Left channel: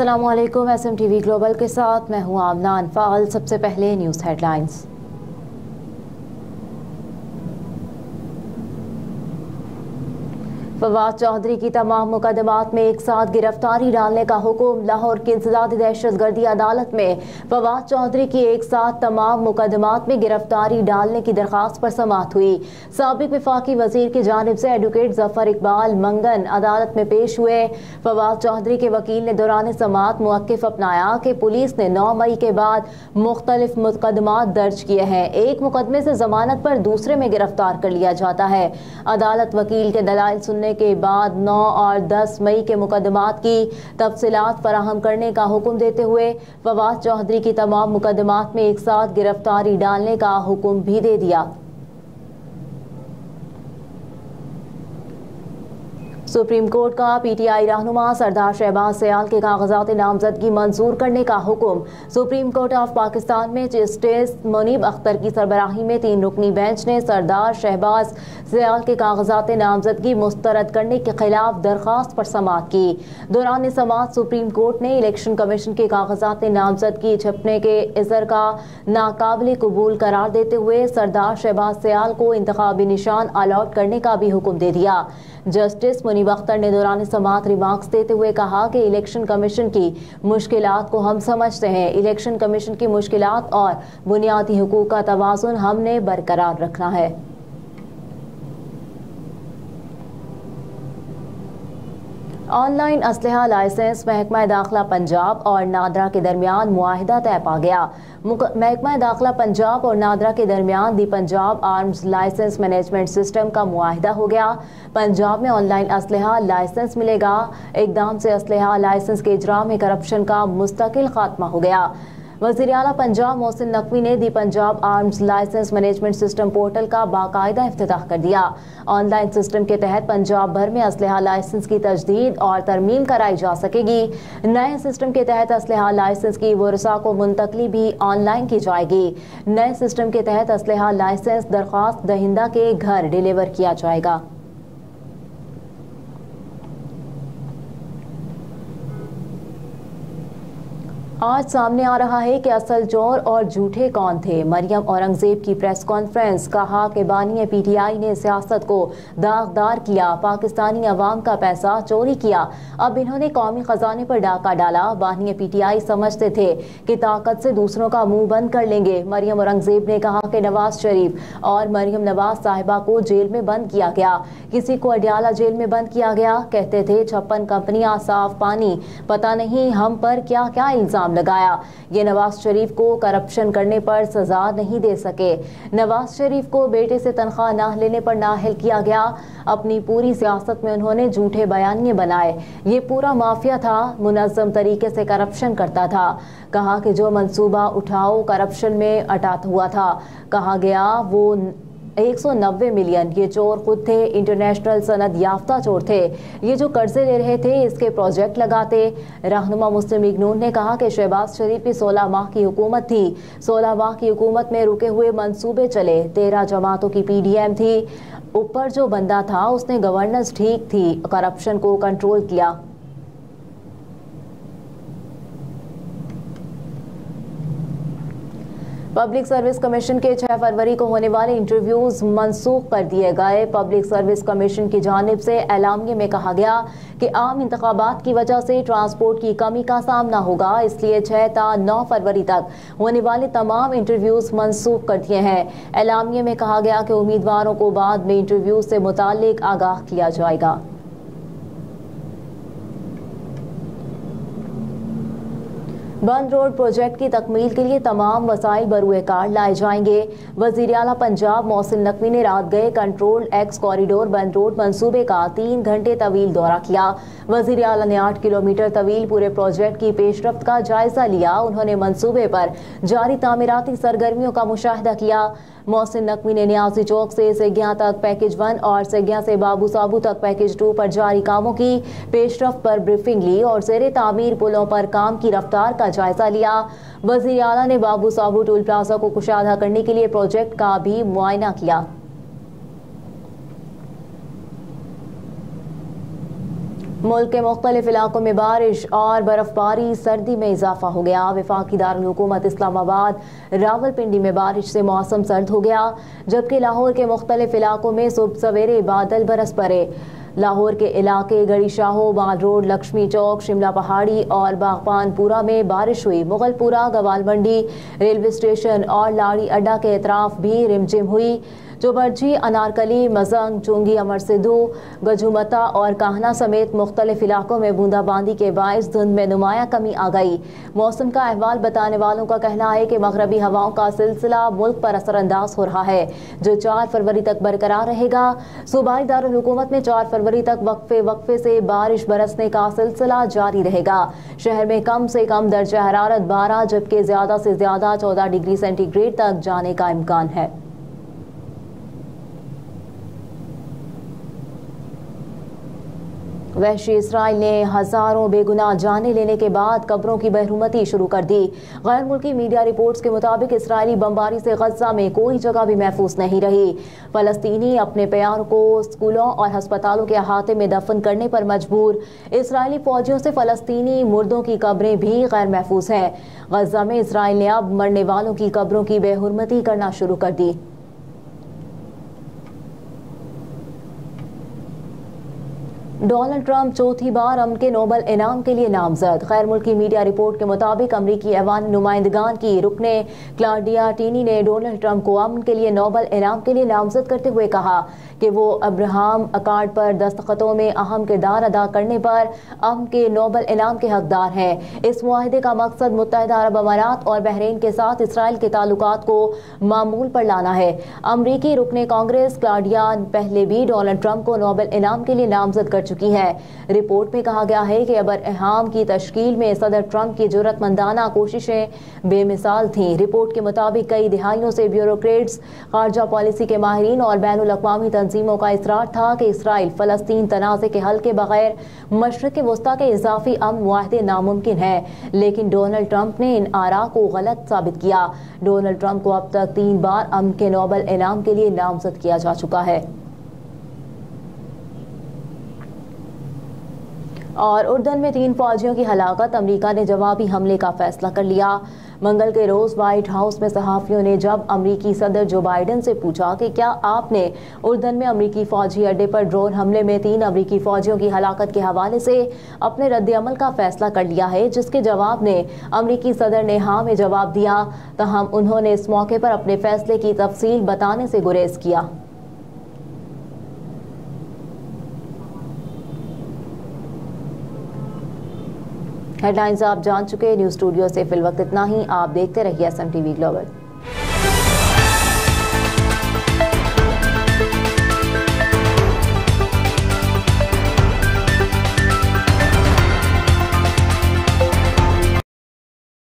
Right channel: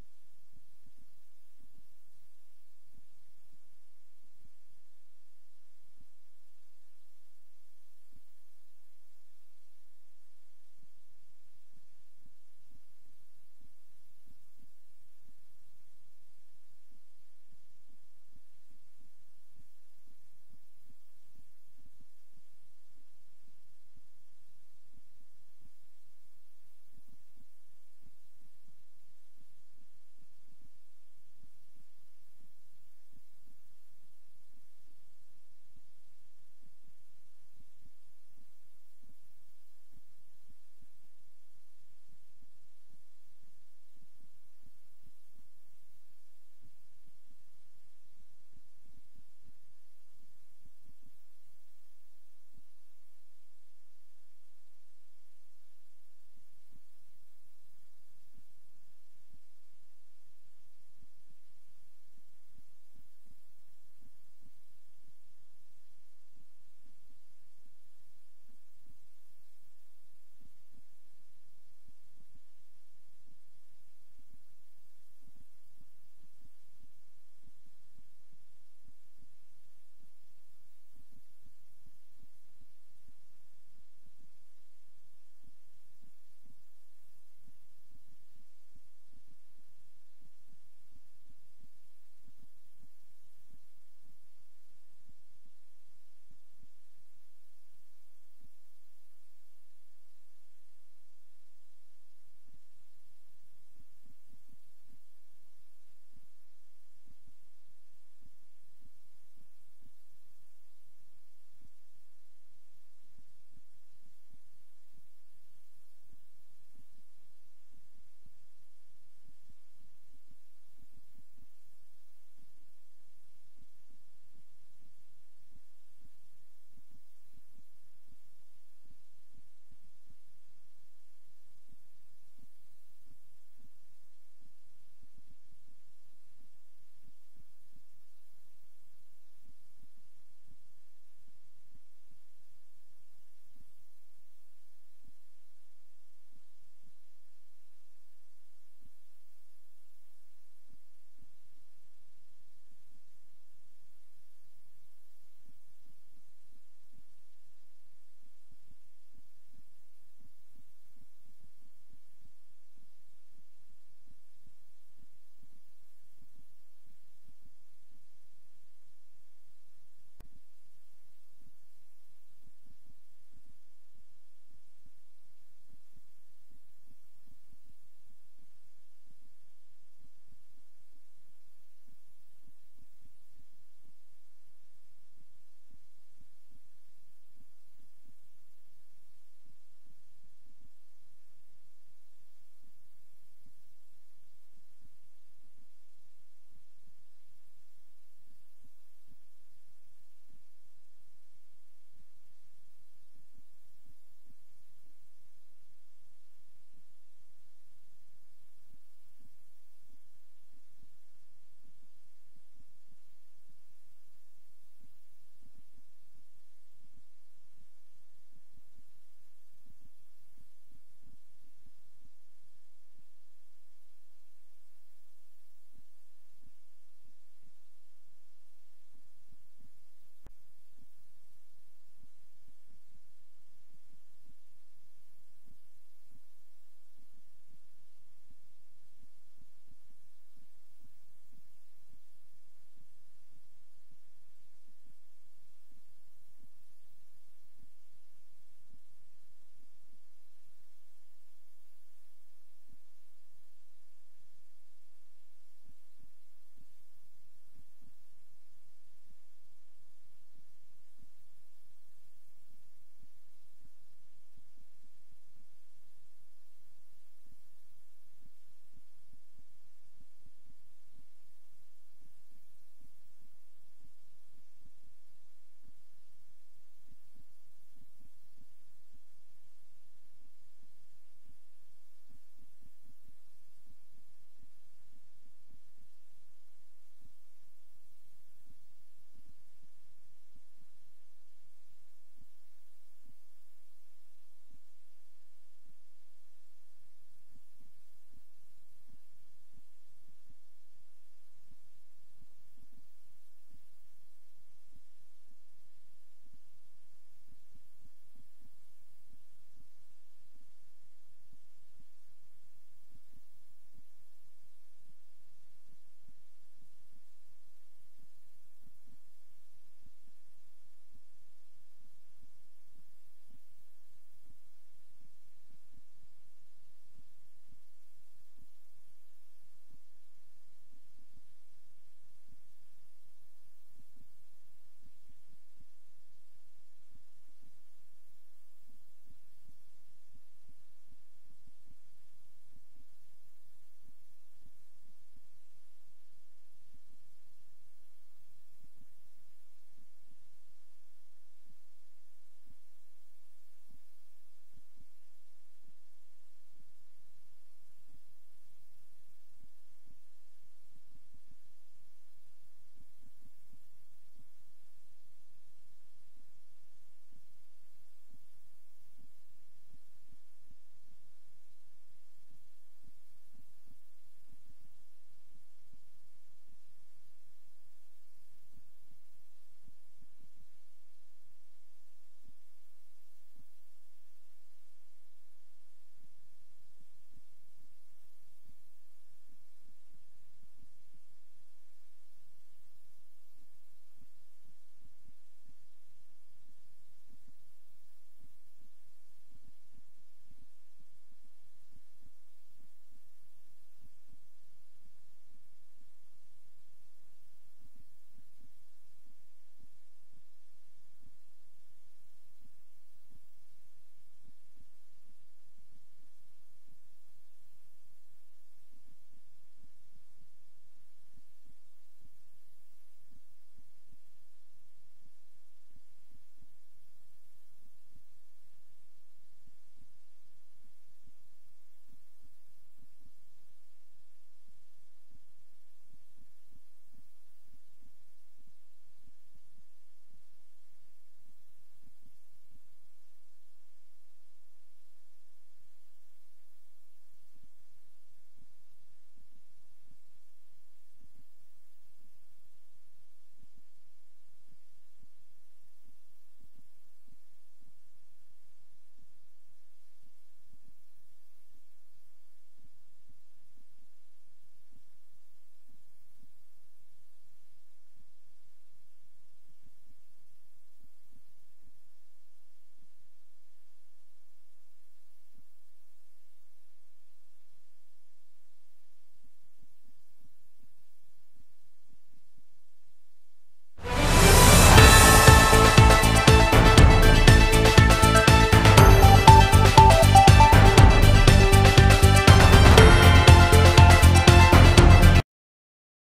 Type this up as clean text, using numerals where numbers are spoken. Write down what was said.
अस्सलामुअलैकुम। SMTV global के साथ मैं हूं आमना अनफाल। सबसे पहले न्यूज़ हेडलाइंस। फवाद चौधरी की तमाम मुकदमात में एक साथ गिरफ्तारी डालने का हुक्म। लाहौर की इंसदादी दहशतगर्दी अदालत में फवाद चौधरी की एक साथ तमाम मुकदमात में गिरफ्तारी डालने की दरख्वास्त पर समाअत हुई। साबिक वफाकी वजीर की जानिब से एडवोकेट जफर इकबाल मंगन अदालत में पेश हुए। फवाद चौधरी के वकील ने दौरान समाअत मौक़िफ़ अपनाया कि पुलिस ने 9 मई के बाद मुख्तलिफ मुकदमात दर्ज किए हैं। एक मुकदमे से जमानत पर दूसरे में गिरफ्तार कर लिया जाता है। अदालत वकील के दलाइल सुनने के बाद 9 और 10 मई के मुकदमात की तफसीलात फराहम करने का हुक्म देते हुए फवाद चौधरी की तमाम मुकदमात में एक साथ गिरफ्तारी डालने का हुक्म भी दे दिया। सुप्रीम कोर्ट का PTI रहनुमा सरदार शहबाज सयाल के कागजात नामजदगी मंजूर करने का हुक्म। सुप्रीम कोर्ट ऑफ पाकिस्तान में जस्टिस मुनीब अख्तर की सरबराही में 3 रुकनी बेंच ने सरदार शहबाज सयाल के कागजात नामजदगी मुस्तरद करने के खिलाफ दरख्वास्त पर समाअत की। दौरान समाअत सुप्रीम कोर्ट ने इलेक्शन कमीशन के कागजात नामजदगी छपने के इज़र का नाकाबिल कबूल करार देते हुए सरदार शहबाज सयाल को इंतखाबी निशान अलॉट करने का भी हुक्म दे दिया। जस्टिस मुनीब अख्तर ने दौरान समाअत रिमार्क्स देते हुए कहा कि इलेक्शन कमीशन की मुश्किलात को हम समझते हैं। इलेक्शन कमीशन की मुश्किलात और बुनियादी हुकूक का तवाज़ुन हमने बरकरार रखना है। ऑनलाइन असलहा लाइसेंस महकमा दाखिला पंजाब और नादरा के दरमियान मुआहिदा तय पा गया। महकमा दाखिला पंजाब और नादरा के दरमियान the Punjab arms license management system का मुआहिदा हो गया। पंजाब में ऑनलाइन असलहा लाइसेंस मिलेगा। इकदाम से असलहा लाइसेंस के इजरा में करप्शन का मुस्तकिल खात्मा हो गया। वज़ीर आला पंजाब मोहसिन नकवी ने the Punjab arms license management system portal का बाकायदा इफ्तिताह कर दिया। ऑनलाइन सिस्टम के तहत पंजाब भर में असलहा लाइसेंस की तजदीद और तरमीम कराई जा सकेगी। नए सिस्टम के तहत असलहा लाइसेंस की वर्सा को मुंतकली भी ऑनलाइन की जाएगी। नए सिस्टम के तहत असलहा लाइसेंस दरख्वास्त दहिंदा के घर डिलीवर किया जाएगा। आज सामने आ रहा है कि असल चोर और झूठे कौन थे। मरियम औरंगजेब की प्रेस कॉन्फ्रेंस। कहा कि बानी PTI ने सियासत को दागदार किया, पाकिस्तानी अवाम का पैसा चोरी किया, अब इन्होंने कौमी खजाने पर डाका डाला। बानी PTI समझते थे कि ताकत से दूसरों का मुंह बंद कर लेंगे। मरियम औरंगजेब ने कहा कि नवाज शरीफ और मरियम नवाज साहिबा को जेल में बंद किया गया, किसी को अडियाला जेल में बंद किया गया। कहते थे 56 कंपनियां, साफ पानी, पता नहीं हम पर क्या क्या इल्जाम लगाया। ये नवाज शरीफ को करप्शन करने पर सजा नहीं दे सके। नवाज शरीफ को बेटे से तनख्वाह ना लेने पर नाअहल किया गया। अपनी पूरी सियासत में उन्होंने झूठे बयानिए बनाए। ये पूरा माफिया था, मुनज़्ज़म तरीके से करप्शन करता था। कहा कि जो मंसूबा उठाओ करप्शन में अटात हुआ था। कहा गया वो 190 मिलियन ये चोर खुद थे, इंटरनेशनल सनद याफ्ता चोर थे। ये जो कर्जे ले रहे थे इसके प्रोजेक्ट लगाते। रहनुमा मुस्लिम लीग नून ने कहा कि शहबाज शरीफ की 16 माह की हुकूमत थी। 16 माह की हुकूमत में रुके हुए मंसूबे चले। 13 जमातों की PDM थी। ऊपर जो बंदा था उसने गवर्नेंस ठीक थी, करप्शन को कंट्रोल किया। पब्लिक सर्विस कमीशन के 6 फरवरी को होने वाले इंटरव्यूज मनसूख कर दिए गए। पब्लिक सर्विस कमीशन की जानिब से एलामिये में कहा गया कि आम इंतखाबात की वजह से ट्रांसपोर्ट की कमी का सामना होगा, इसलिए 6 ta 9 फरवरी तक होने वाले तमाम इंटरव्यूज मनसूख कर दिए हैं। एलामिये में कहा गया कि उम्मीदवारों को बाद में इंटरव्यूज से मुताल्लिक आगाह किया जाएगा। बंद रोड प्रोजेक्ट की तकमील के लिए तमाम वसाइल बरूए कार लाए जाएंगे। वज़ीर आला पंजाब मोहसिन नकवी ने रात गए कंट्रोल एक्स कॉरिडोर बंद रोड मंसूबे का 3 घंटे तवील दौरा किया। वज़ीर आला ने 8 किलोमीटर तवील पूरे प्रोजेक्ट की पेशरफ्त का जायजा लिया। उन्होंने मंसूबे पर जारी तामीराती सरगर्मियों का मुशाहिदा किया। मोहसिन नकवी ने नियाजी चौक से सेगियां तक पैकेज 1 और सेगियां से बाबू साबू तक पैकेज 2 पर जारी कामों की पेशरफ्त पर ब्रीफिंग ली और ज़ेरे तामीर पुलों पर काम की रफ्तार का जायजा लिया। वज़ीर आला ने बाबू साबू टोल प्लाजा को कुशादा करने के लिए प्रोजेक्ट का भी मुआयना किया। मुल्क के मुख्तलिफ इलाकों में बारिश और बर्फबारी, सर्दी में इजाफा हो गया। वफाकी दारुल हुकूमत इस्लामाबाद, रावलपिंडी में बारिश से मौसम सर्द हो गया, जबकि लाहौर के मुख्तलिफ इलाकों में सुबह सवेरे बादल बरस पड़े। लाहौर के इलाके गड़ी शाहो, माल रोड, लक्ष्मी चौक, शिमला पहाड़ी और बागबानपुरा में बारिश हुई। मुगलपुरा, गवाल मंडी, रेलवे स्टेशन और लाड़ी अड्डा के अतराफ भी रिमझिम हुई। जोबर्जी, अनारकली, मजंग, चुंगी, अमर सिद्धू, गजुमता और काहना समेत मुख्तलिफ इलाकों में बूंदाबांदी के बायस धुंध में नुमाया कमी आ गई। मौसम का अहवाल बताने वालों का कहना है कि मगरबी हवाओं का सिलसिला मुल्क पर असरअंदाज हो रहा है, जो 4 फरवरी तक बरकरार रहेगा। सूबाई दारुल हुकूमत में 4 फरवरी तक वक्फे से बारिश बरसने का सिलसिला जारी रहेगा। शहर में कम से कम दर्जा हरारत 12 जबकि ज्यादा से ज्यादा 14 डिग्री सेंटीग्रेड तक जाने का इम्कान है। वहशी इसराइल ने हजारों बेगुनाह जाने लेने के बाद कब्रों की बहरूमती शुरू कर दी। गैर मुल्की मीडिया रिपोर्ट्स के मुताबिक इसराइली बमबारी से गजा में कोई जगह भी महफूज नहीं रही। फलस्तीनी अपने प्यारों को स्कूलों और अस्पतालों के अहाते में दफन करने पर मजबूर। इसराइली फौजियों से फलस्तीनी मुर्दों की कब्रें भी गैर महफूज हैं। गजा में इसराइल ने अब मरने वालों की कब्रों की बेहुरमती करना शुरू कर दी। डोनाल्ड ट्रंप चौथी बार अमन के नोबल इनाम के लिए नामजद। गैर मुल्की मीडिया रिपोर्ट के मुताबिक अमरीकी ऐवान नुमाइंदगान की रुकने क्लाउडिया टीनी ने डोनाल्ड ट्रंप को अमन के लिए नोबल इनाम के लिए नामजद करते हुए कहा कि वो अब्राहम अकार्ड पर दस्तखतों में अहम किरदार अदा करने पर अमन के नोबल इनाम के हकदार हैं। इस मुआहदे का मकसद मुत्तहिदा अरब अमारात और बहरीन के साथ इसराइल के ताल्लुकात को मामूल पर लाना है। अमरीकी रुकने कांग्रेस क्लाउडिया पहले भी डोनाल्ड ट्रंप को नोबल इनाम के लिए नामजद कर चुकी है। रिपोर्ट में कहा गया है कि अब्राहम की तश्कील में सदर ट्रंप की जुर्रतमंदाना कोशिशें बेमिसाल थीं। रिपोर्ट के मुताबिक कई दिहाइयों से ब्यूरोक्रेट्स, खारजा पॉलिसी के माहिरीन और बैनुल अक़वामी तंजीमों का इसरार था कि इसराइल फलस्तीन तनाज़े के हल के बगैर मशरिक़ वस्ता के इजाफी अमन मुआहदे नामुमकिन है, लेकिन डोनाल्ड ट्रंप ने इन आरा को गलत साबित किया। डोनाल्ड ट्रंप को अब तक 3 बार अमन के नोबल इनाम के लिए नामजद किया जा चुका है। और उर्दन में 3 फौजियों की हलाकत, अमरीका ने जवाबी हमले का फैसला कर लिया। मंगल के रोज व्हाइट हाउस में सहाफियों ने जब अमरीकी सदर जो बाइडेन से पूछा कि क्या आपने उर्दन में अमरीकी फौजी अड्डे पर ड्रोन हमले में 3 अमरीकी फौजियों की हलाकत के हवाले से अपने रद्द-ए-अमल का फैसला कर लिया है, जिसके जवाब ने अमरीकी सदर ने हाँ में जवाब दिया, तहम उन्होंने इस मौके पर अपने फैसले की तफसील बताने से गुरेज किया। हेडलाइंस आप जान चुके। न्यूज़ स्टूडियो से फिल वक्त इतना ही। आप देखते रहिए SM TV ग्लोबल।